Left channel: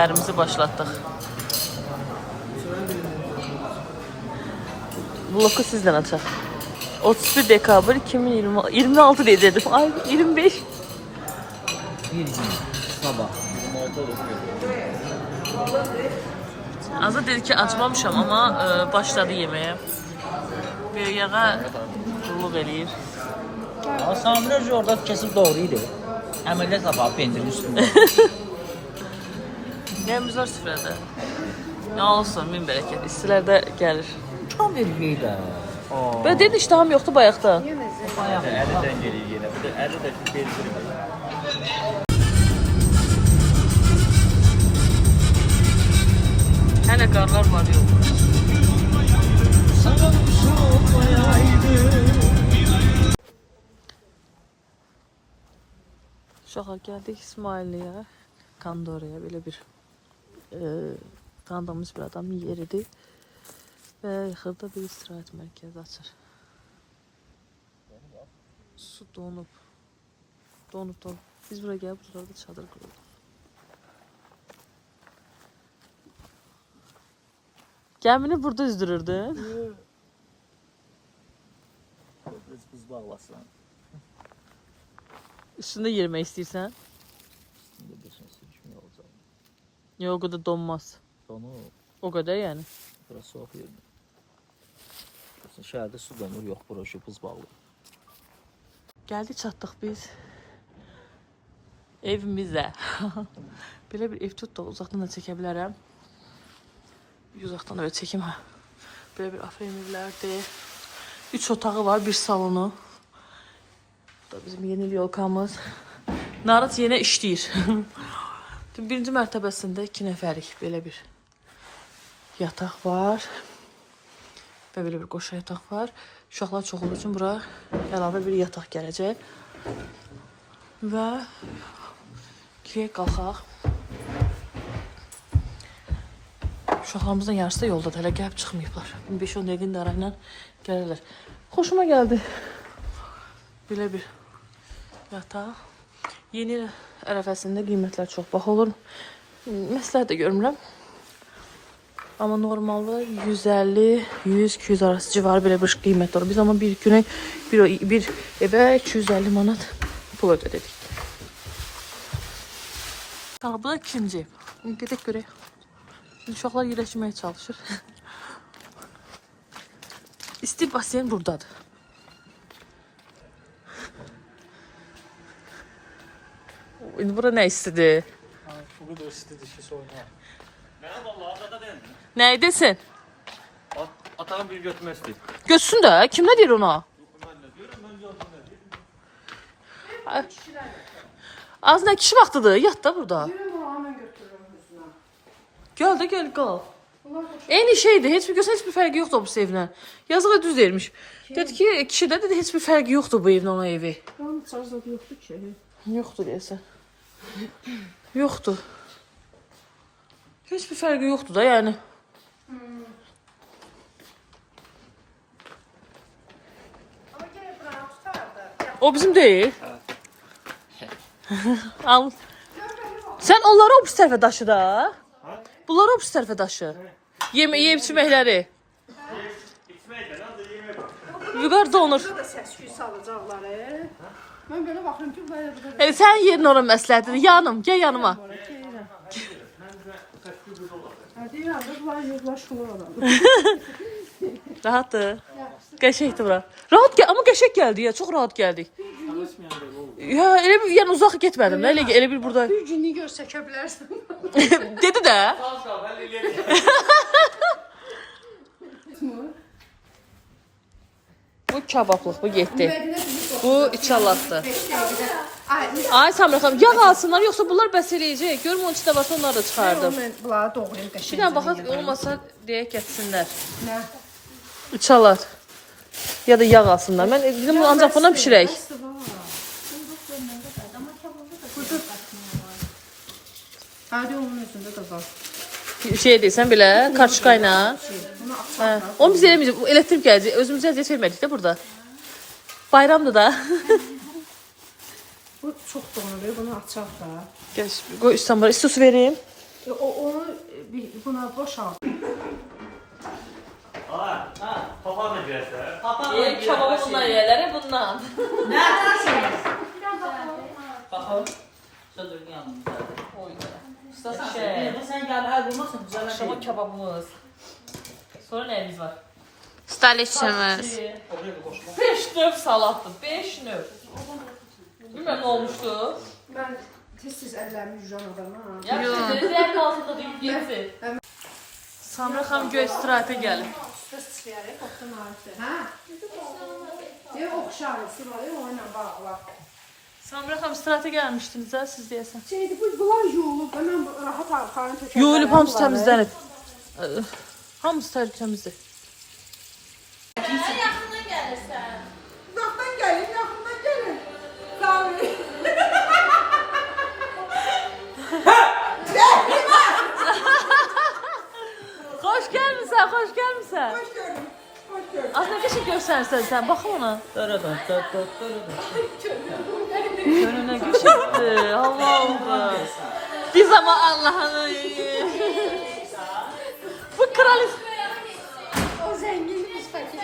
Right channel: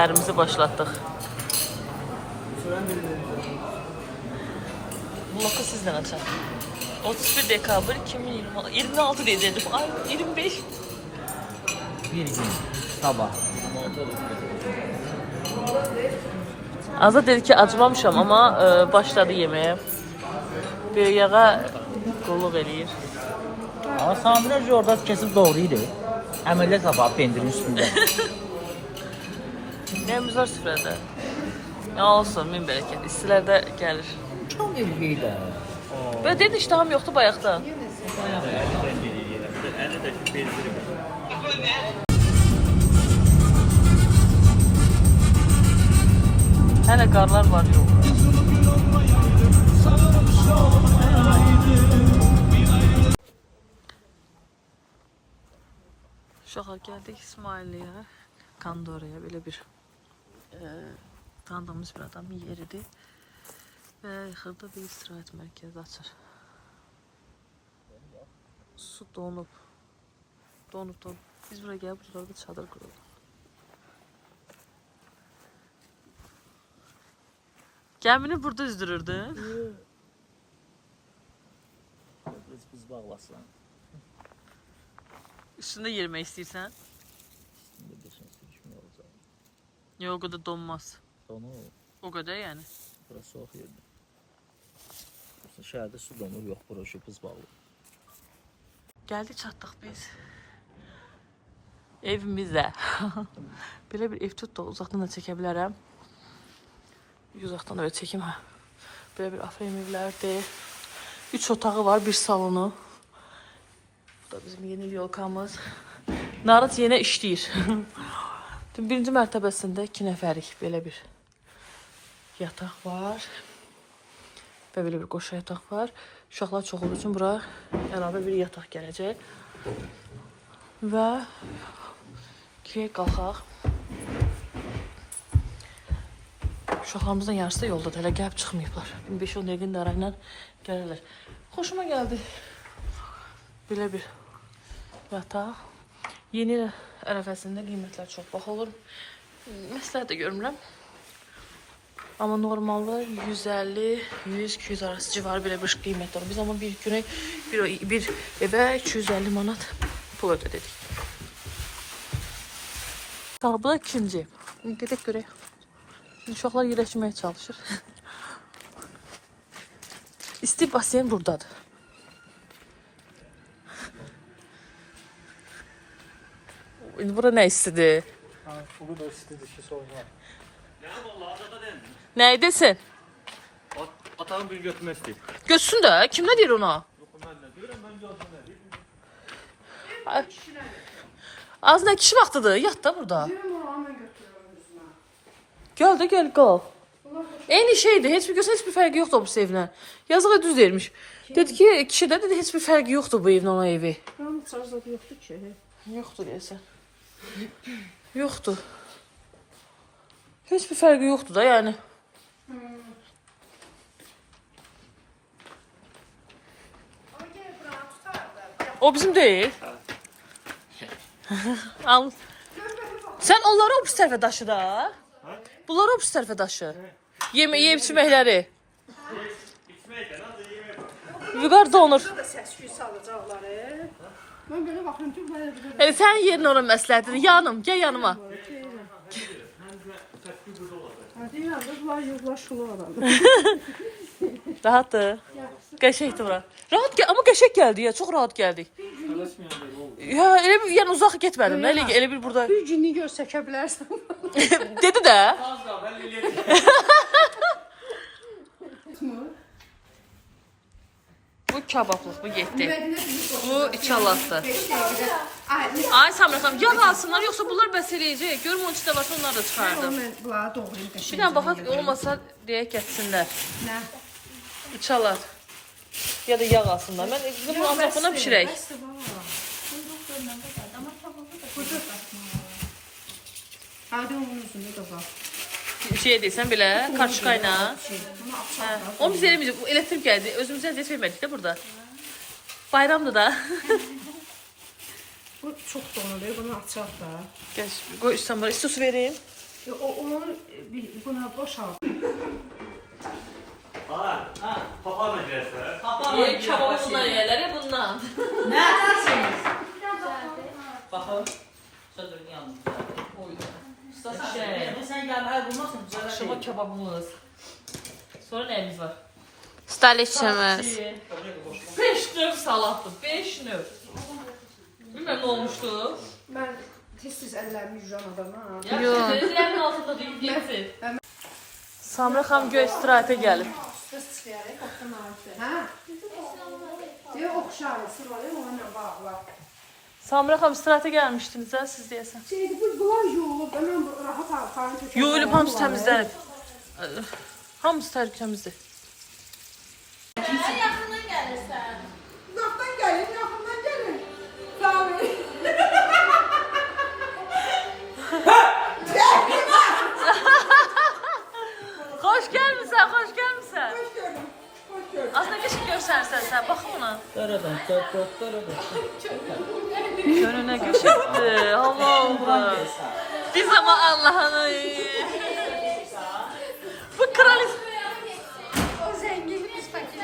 səhərimizi başlatdıq. Bloku sizdən açaq. 31 dekabr 2026 deyəcəkdim. Ay 25. Bir gün sabah 26 olur. Azad dedi ki acımamışam ama başladı yeməyə. Bir yağa qulluq eləyir. Samirəcə orada kesib doğruydu. Əmələ qabaq pendirin üstündə. Nəyimiz var süfrədə? Ya olsun, min bərəkət. İstilər də gəlir. Tam elbey də. Böyle dedin iştahım yoxdu bayaqda. Bayaq. 50'den geliyor yine. Bu da 50 de şu peyniri böyle. Hələ qarlar var yolda. Uşağa gəldik İsmailliyə, Kandoraya belə bir qandığımız bir adam yeridir və yaxında bir istirahət mərkəzi açır. Su donub. Biz buraya gəlib burada çadır qururuq. Gəmini burada üzdürürdün. Biz bağlasın. Üstündə yerimək istəyirsən? Şimdi bir şey sürüşmüyor olacaq. Yox, o qədər donmaz. Onu O qədər yəni. biraz soğuk yerine. Şəhərdə su donur, yox bura şu buz bağlı. Gəldik, çatdıq biz evimizə. Belə bir ev tutduq, uzaqdan da çəkə bilərəm. Uzaqdan öyle çəkim. Belə bir afrem evlərdir. 3 otağı var, bir salonu. Bu da bizim yeni yolkamız. Narıt yenə işləyir. Birinci mərtəbəsində 2 nəfərlik belə bir yataq var. Və belə bir qoşa yataq var. Uşaqlar çox olduğu üçün bura əlavə bir yataq gələcək. Və girək qalxaq. Uşaqlarımızın yarısı da yolda da hələ gəlib çıxmayıblar. 5-10 dəqiqin də arayla gələrlər. Xoşuma gəldi. Belə bir yataq. Yeni ərəfəsində qiymətlər çox bax olur. Məsləhət də görmürəm. Amma normalda 150-100-200 arası civarı belə bir qiymət olur. Biz amma bir günə bir evə 250 manat pul ödədik. Bu da ikinci. Gedək görək. Uşaqlar yerləşməyə çalışır. İsti basen buradadır. İndi bura nə istidir? Bu da istedi şey sorma. Ne vallahi adada dendi. Nə edesin? Atağın bir götürmək istəyir. Götsün də. Kim nə deyir ona? Az nə kişi vaxtıdır? Yat da burada. Gel de gel qal. Eyni şeydir. Heç bir görsən heç bir fərqi yoxdur bu evlə. Yazığa düz vermiş. Dedi ki, kişidə dedi heç bir fərqi yoxdur bu evlə ona evi. Onun çarzadı yoxdur ki. Yoxdur deyəsən. Yoxdur. Heç bir fərqi yoxdur da yəni. O bizim değil. Al. Sen onları o pis tərəfə daşı da. Bunları o pis tərəfə daşı. Yeyib içməkləri. Vüqar donur. Səs-küy salacaqları. Mən belə baxıram ki, buraya Sen yerin onun məsləhətidir. Yanım, gəl yanıma. Hadi ya, bunlar yozlaşılır adam. Rahatdır. Qəşəkdir bura. Rahat gəl, amma qəşək gəldi ya, çox rahat gəldik. Ya elə bir yəni uzaq getmədim. Elə bir burada. Bir günlük görsəkə bilərsən. Dedi də. Bu kabablıq, bu getdi. Bu içalatdır. Ay Samir xanım, yağ alsınlar, yoxsa bunlar bəs eləyəcək. Görüm onun içində varsa onları da çıxardım. Mən bunları doğrayım qəşəng. Bir dənə baxaq, olmasa deyək gətirsinlər. Nə? İçalat. Ya da yağ alsınlar. Mən bizim ancaq buna pişirək. Hadi onun üstündə də var. Şey deyirsən belə, karşıqayla. Onu biz eləməyəcək, elektrik gələcək. Özümüzə əziyyət vermədik də burada. Bayramdır da. Bu çox donuruyor, bunu açaq da. Gəl, qoy üstdən var. İsti su vereyim. Onu buna boşalt. Papağanla girersin. Kebabımla yerleri bundan. Baxın. Sözün yanında. Şey, Sen gel, əl vurmasın, güzel akşama kebabımız. Sonra neyimiz var? Staliçimiz. 5 növ salattı. 5 növ. Bilmem ne olmuştu. Ben tez-tez əllərimi yuyuram adama. Yaxşı, dizlərin altında deyib yesin. Samra xanım göy istirahətə gəlib. Bəs çıxarıq, otdan arısı. Hə? Yox, oxşar, sıralı onunla bağlar. Samra xanım istirahətə gəlmişdiniz ha, siz deyəsən. Şeydi, bunlar yuyulub, mən rahat arxanı tökərəm. Yuyulub, hamısı təmizlənib. Hamısı təmizdir. Yaxından gəlirsən. Uzaqdan gəlin, yaxından gəlin. Sağ olun. Xoş gəlmisən, xoş gəlmisən. Hoş gördüm, hoş gördüm. Aslında qəşəng göstərsən sən, baxın ona. Daradan, daradan. Önünə qəşəngdir, Allah Allah. Biz ama Allah'ını. Bu kraliç. O zənginliyiz fakir.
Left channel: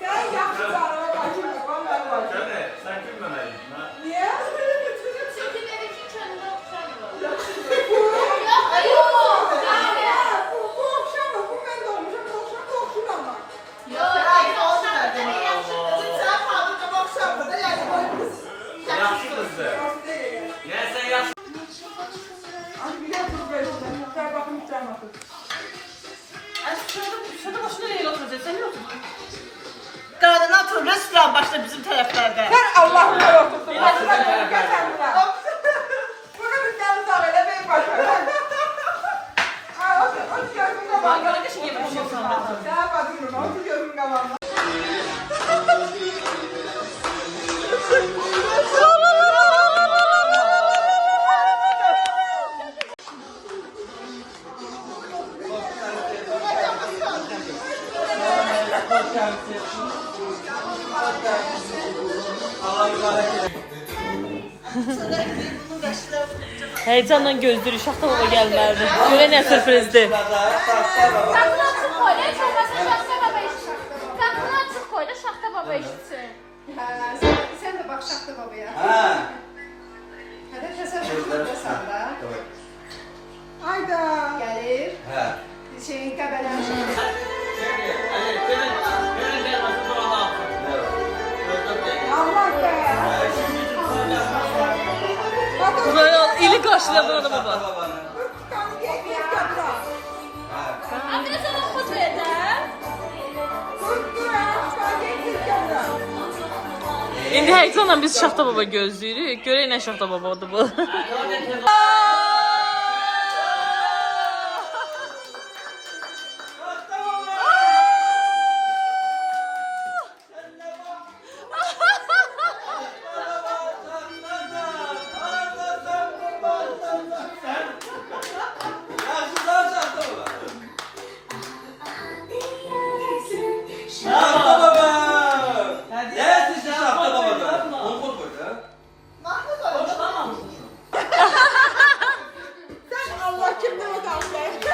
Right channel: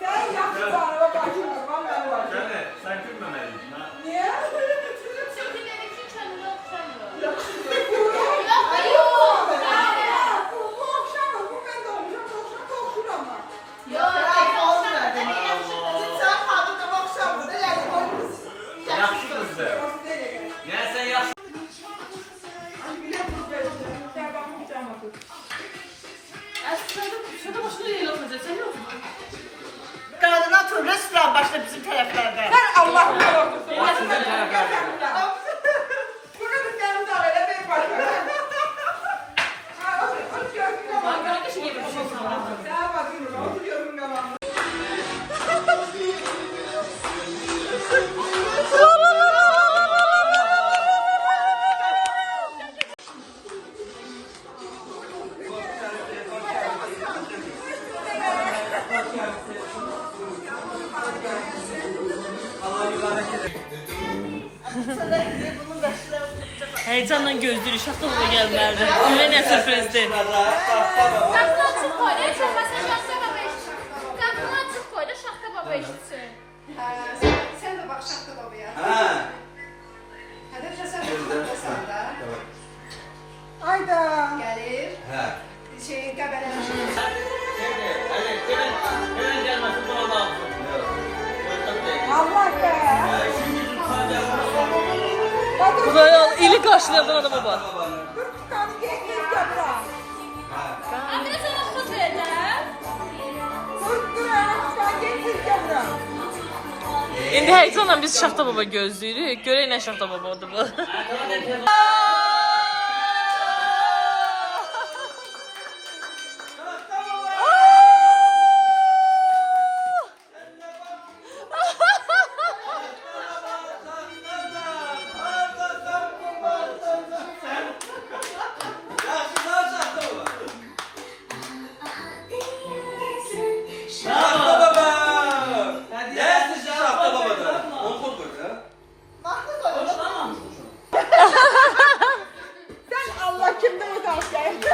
Sen yaxşı sarığa qaçırma, mən var. Gələ, sən gülməməliydin ha. Niyə? Çünki benimki könlü oxşamır. Yaxşı. Yox, Bu oxşamır, bu mən də olmuşam, bu oxşamır, bu oxşuram ben. yox, Yaxşı qızdır. Yəni sən yaxşı. Sen de başına yayın oturacaksın, sen yok. Qadına oturur, restoran başda bizim tərəflərdə. Allah'ım yarabbim. Yaxşı tərəflərdə. Bunu bir tane daha elə ben başlayayım. Ben kardeşim yemek yiyorsun. Daha bakıyorum, oturuyorum babamla. Heyecanla gözleri şakalama gelmezdi. Öyle ne sürprizdi. qapını açıq qoy, çəkməsə şaxta baba eşitsin. Qapını açıq qoy da şaxta baba eşitsin. Sen de bak şahtı babaya. Ha. Hadi təsəvvür da. Hayda. Gelir. Ha. Şeyin qəbələmişi. Allah be. Buraya ili karşılayan adam baba. Abi sana xız verlər. İndi heyecanla biz Şaxta baba gözləyirik. Görək nə Şaxta babadır bu. Allah kimden o da geldi.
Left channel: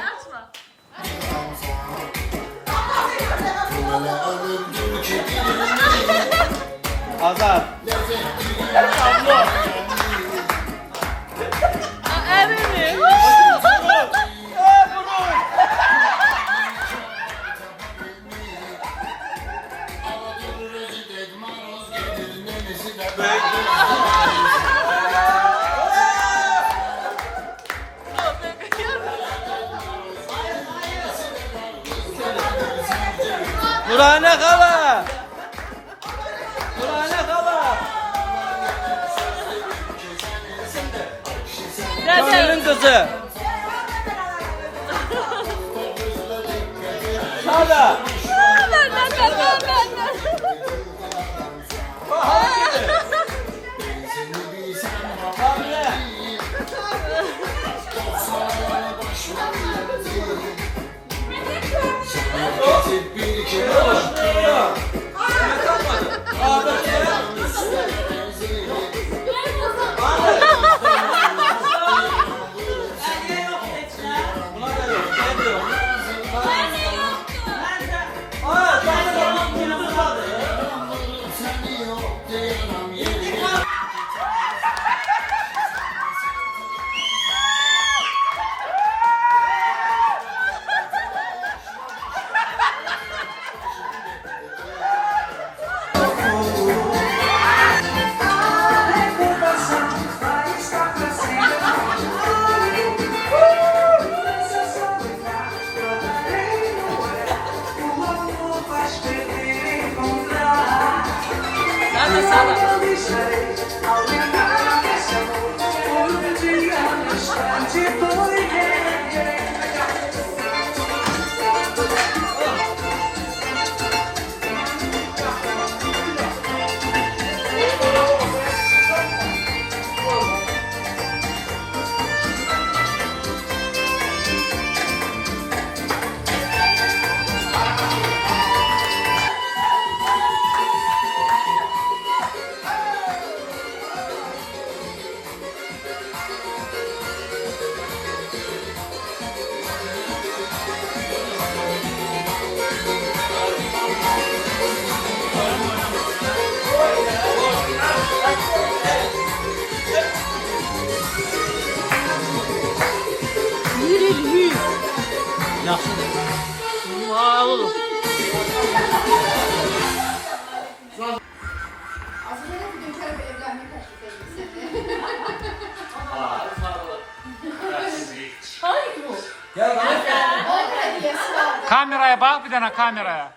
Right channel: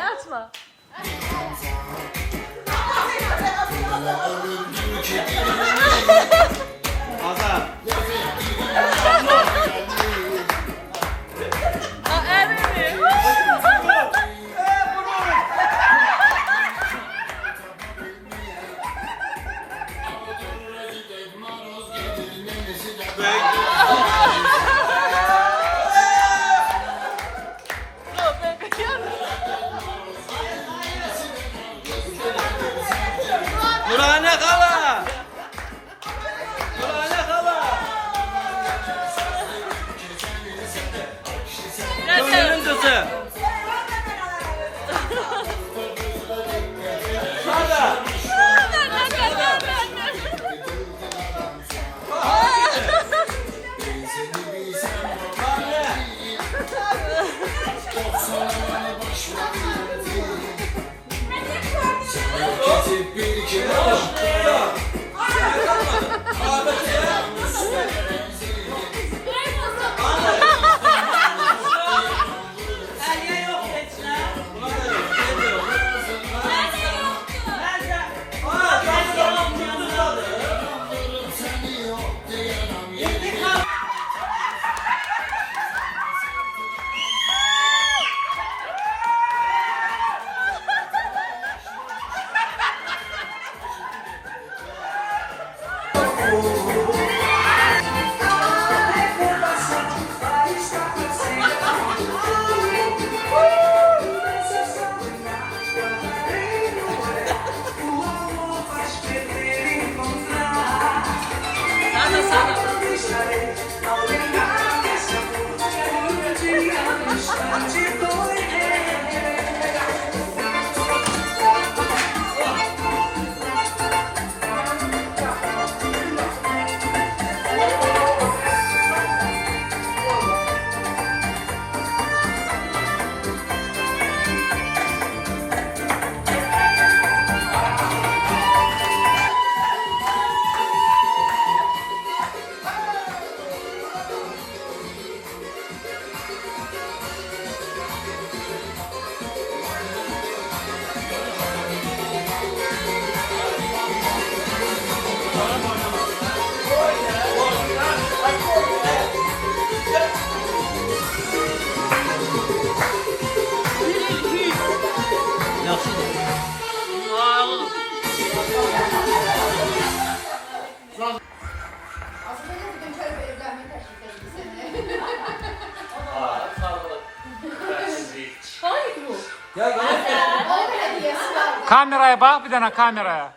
Atma. Azar. Bacı. Yaxşıdır. Vay oğlum. Kameraya bak bir tane kameraya.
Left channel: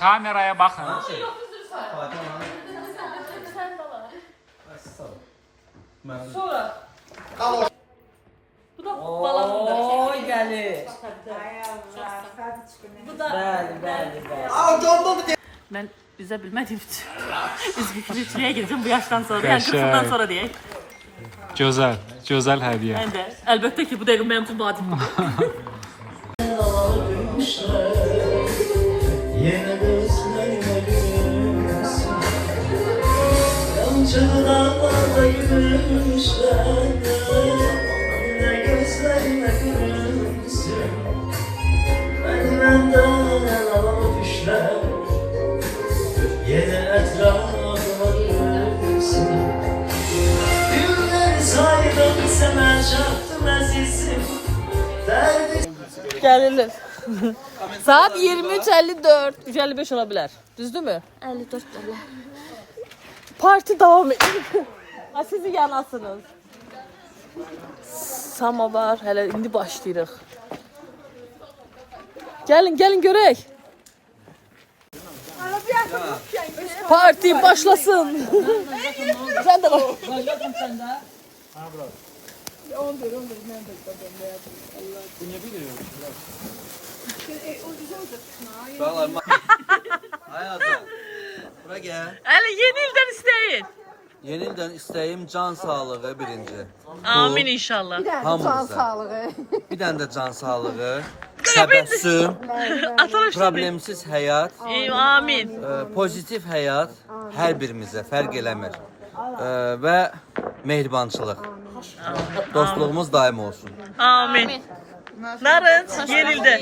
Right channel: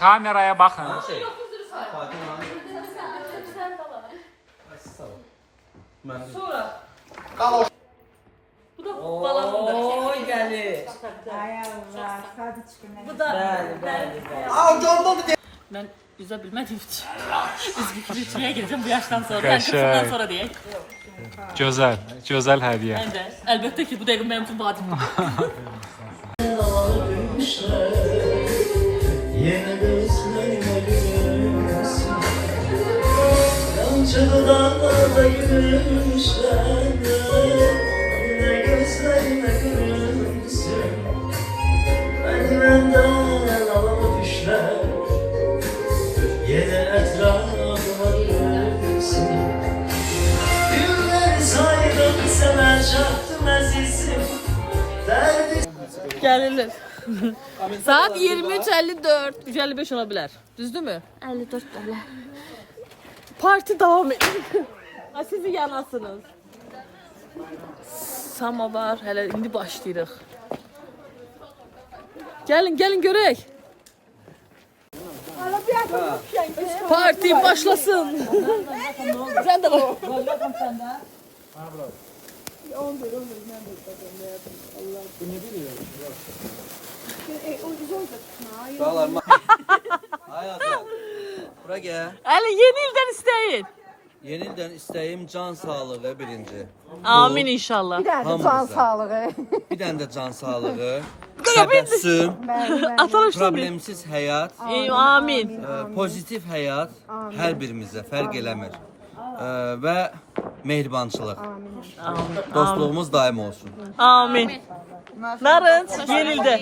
Kameraya bakın. Sonra. Bu da balamındır. Oy gəlir. Bu da. Ben yüze bilmediğim için. Üzgünlüğe gireceğim bu yaştan sonra. Yani 40 yıldan sonra diye. Güzel. Güzel hediye. Ben de. Elbette ki bu devrim benim için vadim. Yine gözlerime gülümsün, yancılı dağlarda gülümüşler. Yine gözlerime gülümsün, beni benden alıp düşler. Yine etrafıma gülümsün, günleri saydım sana çaktım azizim. Derdi Gelirler. Saat 23:54. 3:55 olabilir. Düzdü mü? 54 dolar. Parti devam ediyor. Ay sizi yanasınız. Samavar. Hele indi başlayırıq. Gelin görək. Parti başlasın. Sen de bak. Hayatım, bura gel. Hele yeni ildən isteyin. Yeniden istəyim can sağlığı birinci. Amin inşallah. Hamımıza. Bir dənə də can sağlığı, təbəssüm, Atalım şimdi. problemsiz həyat, Amin. pozitiv həyat hər birimizə fərq eləmir. Və mehribançılıq. Dostluğumuz daim olsun. Amin. Narınç yeni ildə.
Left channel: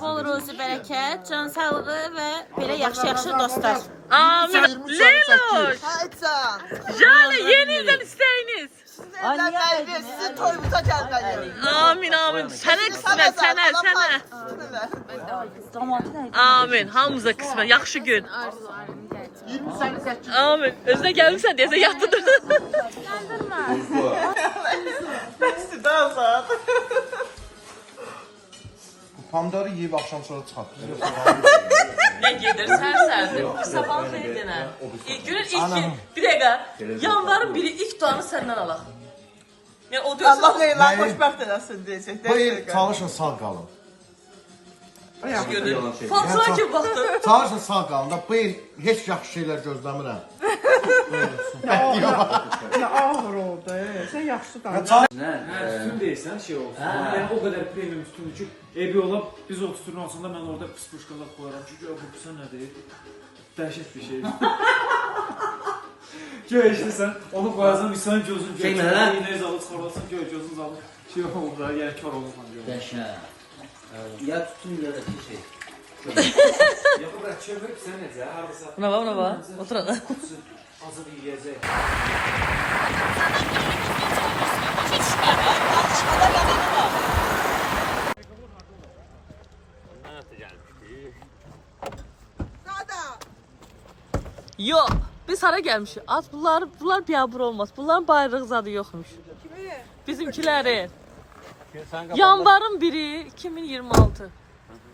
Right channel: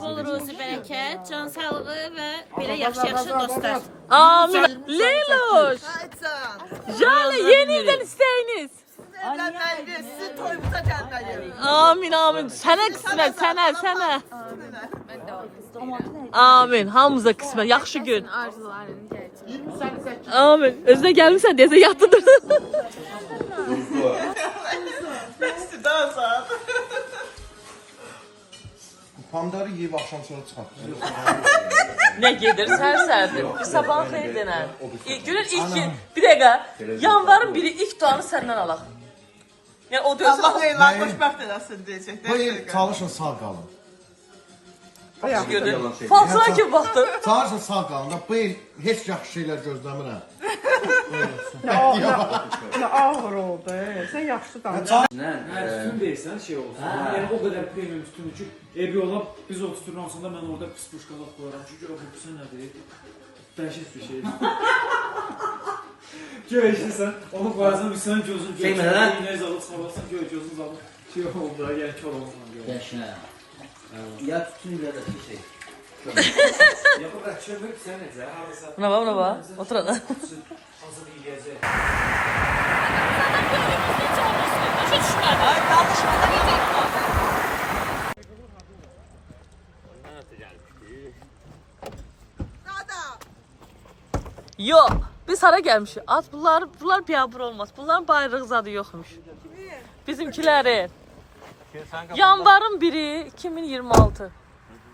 Bol ruzi bərəkət, can sağlığı və belə yaxşı dostlar. Amin. Leyloş. Jale yeni ildən istəyiniz. Sizin toyumuza gelmeli. Amin. Sənə qismət, sənə. Amin. Hamımıza qismət. Yaxşı gün. Amin. Özünə gəlmirsən deyəsə yatdı. Pomidorı yeyib axşam sonra çıxartdı. Nə gedir? Sərsərdir. Sabahın xeyir denən. Günün ilk gün. Bir dəqiqə. Yanvarın biri ilk duanı səndən alaq. Ya o diyorsun. Allah Nəyi? eyler xoşbəxt eləsin deyəcək. Bu il çalışın sağ qalın. Fatura kim baktı? Çalışın sağ qalın da bu il heç yaxşı şeylər gözləmirəm. Nə ağır oldu. Sən yaxşı danış. Üstün deyirsən şey olsun. Yəni o qədər premium üstündür ki, ebi ola biz o üstünün altında mən orada pis puşqalar qoyaram. Çünki o bu sən nədir? Dəhşət bir şeydir. Göy eşitsən, onu qoyarsan bir sən gözün göy. İynəz alıb sorarsan göy gözün alıb. Şey oldu, yəni kör olursan göy. Dəşə. Ya tutun ya da bir şey. Ya bu qədər çevirib sən necə? Hardasa Buna bak. Otur orada. hazır yeyəcək. Yok. Biz hara gelmişiz? Az bunlar biabır olmaz. Bunların bayrağı zadı yokmuş. Bizimkileri. Yanvarın 1'i 2026.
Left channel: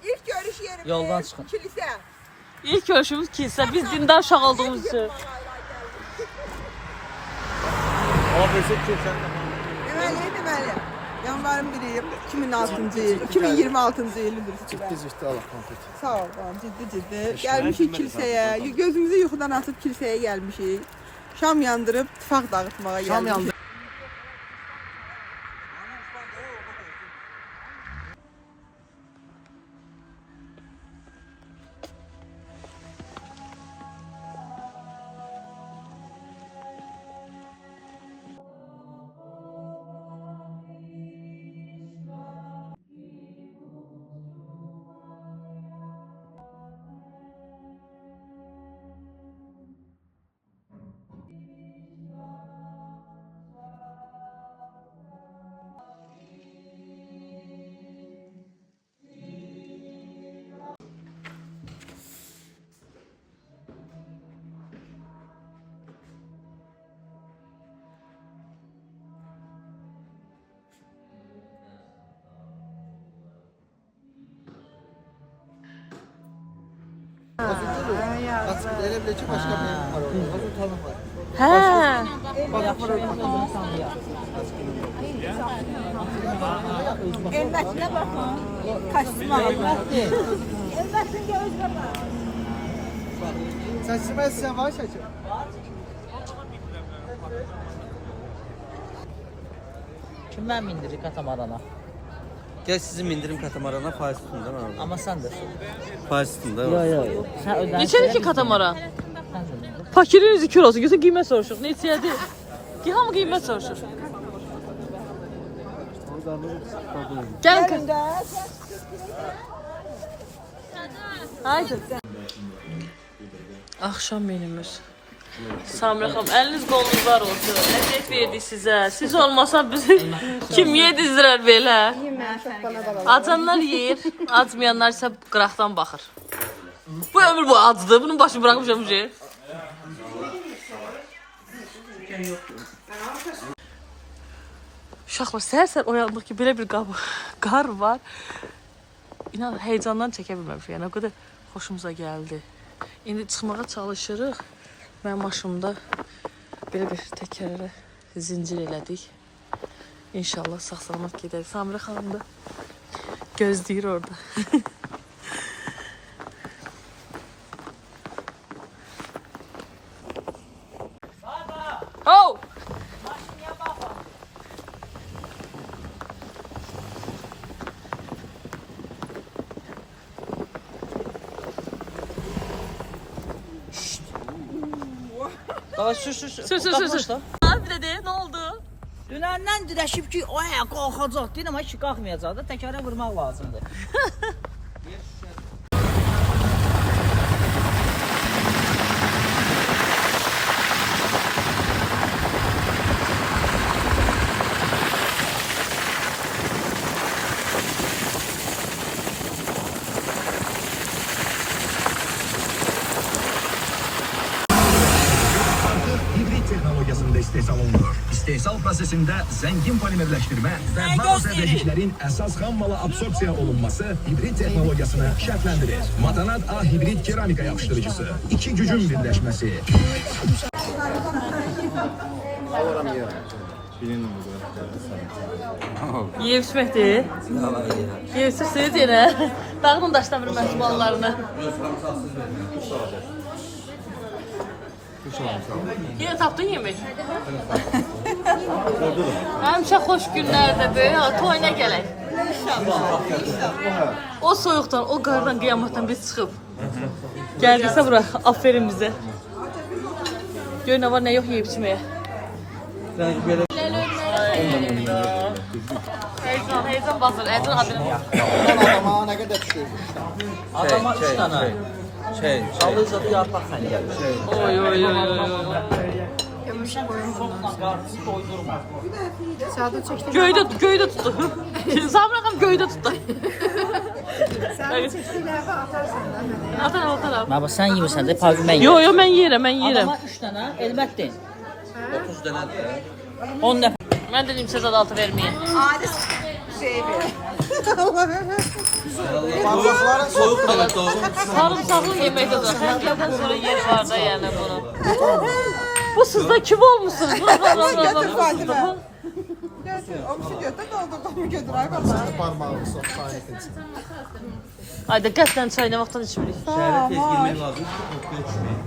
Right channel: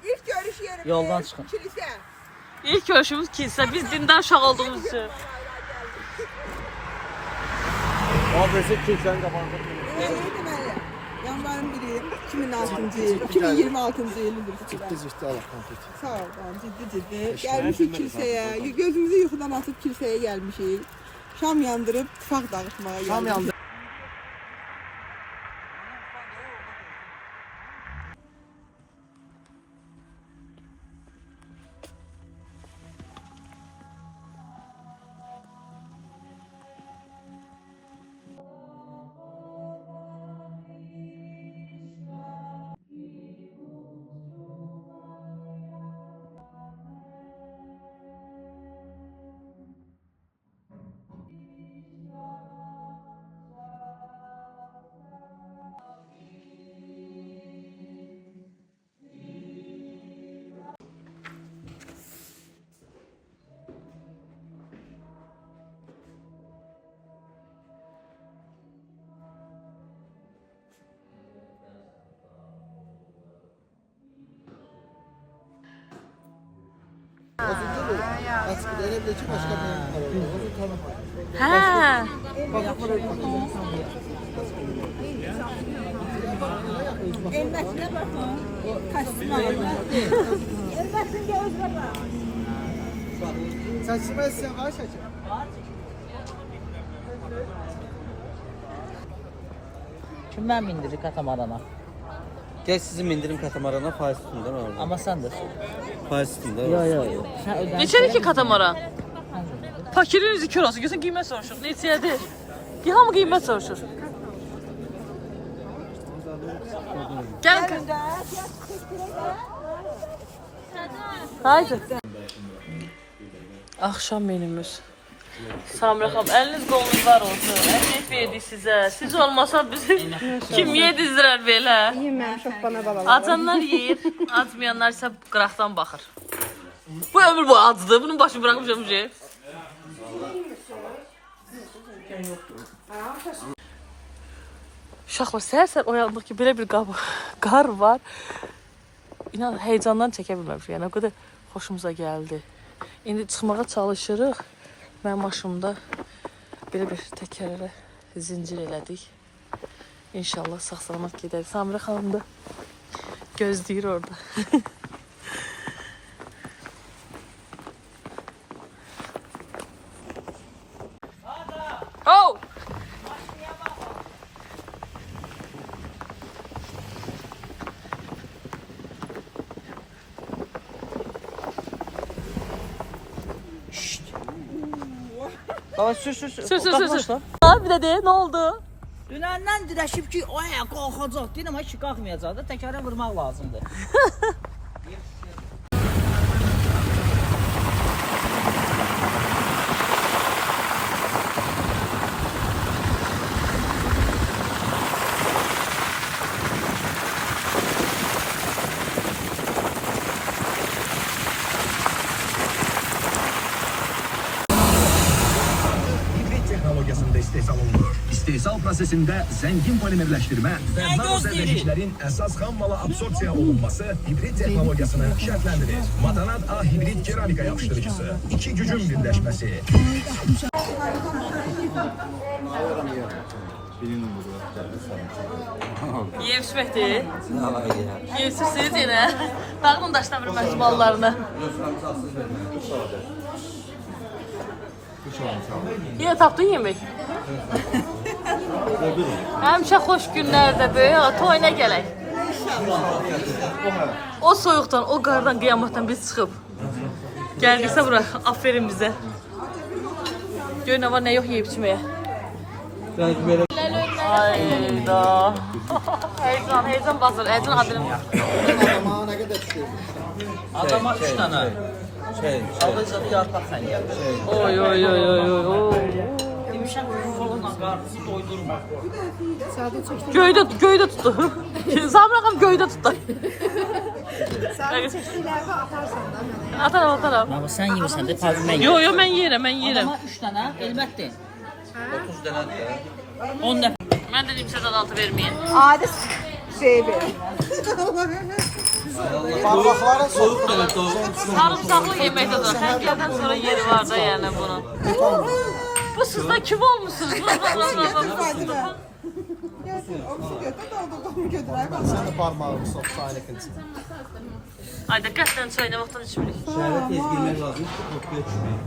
İlk görüş yerimiz Yoldan çıxın. kilise. İlk görüşümüz kilise. Biz dindar uşaq olduğumuz için. Deməli. Yanvarın 1-i 2006-cı il, 2026-cı ildir. Ciddi Allah konfet. Sağ ol, ciddi. Gəlmişik kilsəyə. Gözümüzü yuxudan atıb kilsəyə gəlmişik. Şam yandırıb tifaq dağıtmağa gəlmişik. Açık elə bilə ki, başqa mənim var orada. Onu tanımır. He. Elbətinə baxın. Kostyum alınmışdır. Elbətinə özünə bax. Çəkilmə istəyən var çəkil. Kim mən mindirir katamarana? Gəl sizi mindirim katamarana faiz tutun da orada. Amma sən də. Faiz tutun da. Yo. Sən ödəmiş. Neçədir ki katamara? Sən də mindir. Fakirin üzü kör olsun. Götür qiymət soruşuq. Neçədir? Bir hamı qiymət soruşur. Gel. Haydi. Akşam menümüz. Samira xanım, əliniz qolunuz var olsun. Əziyyət verdik sizə. Siz olmasan bizi kim yedizdirər belə? Acanlar yeyir, acmayanlar isə qıraqdan baxır. Bu ömür bu acıdır. Bunun başını bırakmışam şey. Uşaqlar, səhər-səhər oyandıq ki, belə bir qar var. İnan, heyecandan çəkə bilməmişik. Yəni, o qədər xoşumuza gəldi. İndi çıxmağa çalışırıq. Mən maşımda belə bir təkərə zincir elədik. İnşallah sağ-salamat gedək. Samira xanım da gözləyir orada. Oh! Sür. Abi dedi, ne oldu? Dünəndən dirəşib ki, aya qalxacaq deyir, amma ki qalxmayacaq da təkərə vurmaq lazımdır. İstehsal prosesində zəngin polimerləşdirmə və nanozərrəciklərin əsas xam mala absorpsiya olunması hibrid texnologiyasını şərtləndirir. Madanat A hibrid keramika yapışdırıcısı. İki gücün birləşməsi. Yiyib içməkdir. Yiyib içsiniz yenə. Dağının daşdan bir məhsuballarını. Yine tapdın yemek. Həmişə xoş günlərdə toyuna gələk. O soyuqdan, o qardan, qiyamətdən biz çıxıb. Gəldiksə bura, aferin bizə. Gör nə var, nə yox yeyib içməyə. Hayda. Heyecan basır. Heyecan adını. Adama nə qədər düşür? Adama 3 dənə. Alırsa bir yarpaq xəncər. Oy. Göydə tutdu. Samir ağam göydə tutdu. Ataram. Amma sən yemirsən də, payı mən yeyirəm. Yo, mən yeyirəm. Adama 3 dənə elbətdir. 30 dənə. 10 nəfər. Mən dedim sizə adı verməyin. Adi sevi. Soyuq da doğru. Sarımsaqlı yeməkdə də xəncərdən sonra yeri var da yəni bunun. Bu sizdə kim olmuşsunuz? Götür Fatıma. Götür. O bir şey götür de o da komu götür. Ay valla. Parmağını sok sahaya keçsin. Ay diqqətlə çay nə vaxtdan içmirik. Şəhərə tez girmək lazım ki, qorxuya düşməyək.